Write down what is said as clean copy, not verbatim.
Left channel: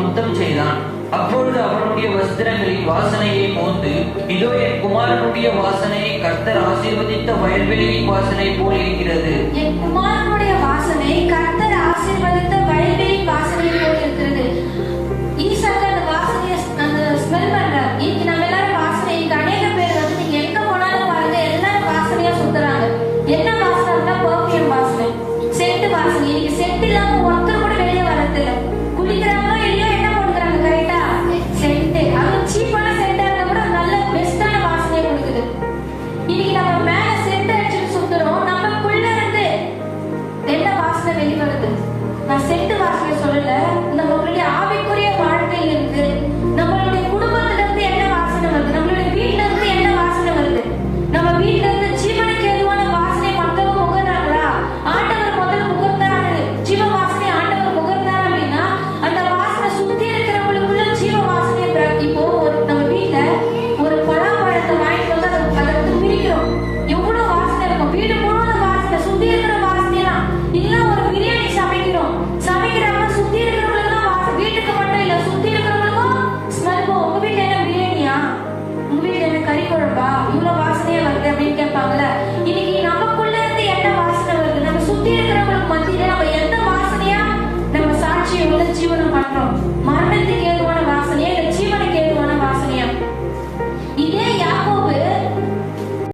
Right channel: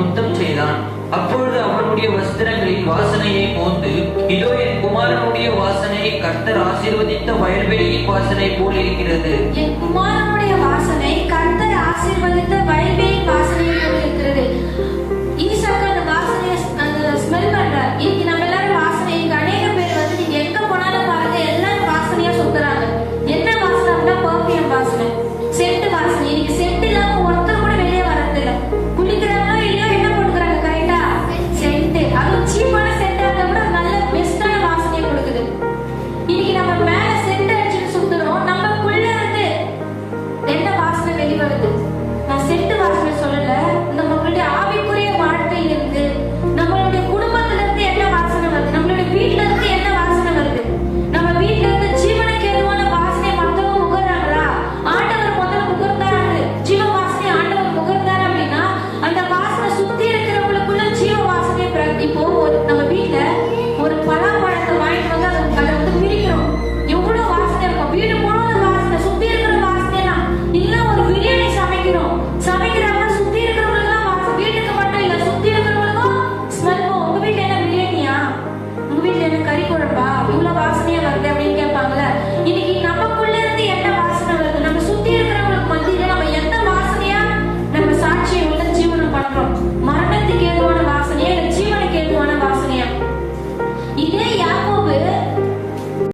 முத்தம் செய்தான். அப்பொழுது அவனுடைய வஸ்திரங்களின் வாசனையை மோந்து, இதோ என் குமாரனுடைய வாசனையை கர்த்தர் ஆசீர்வதித்த வயல்வெளியின் வாசனை போல் இருக்கிறது. என் குமாரனுடைய வாசனை கர்த்தர் ஆசீர்வதித்த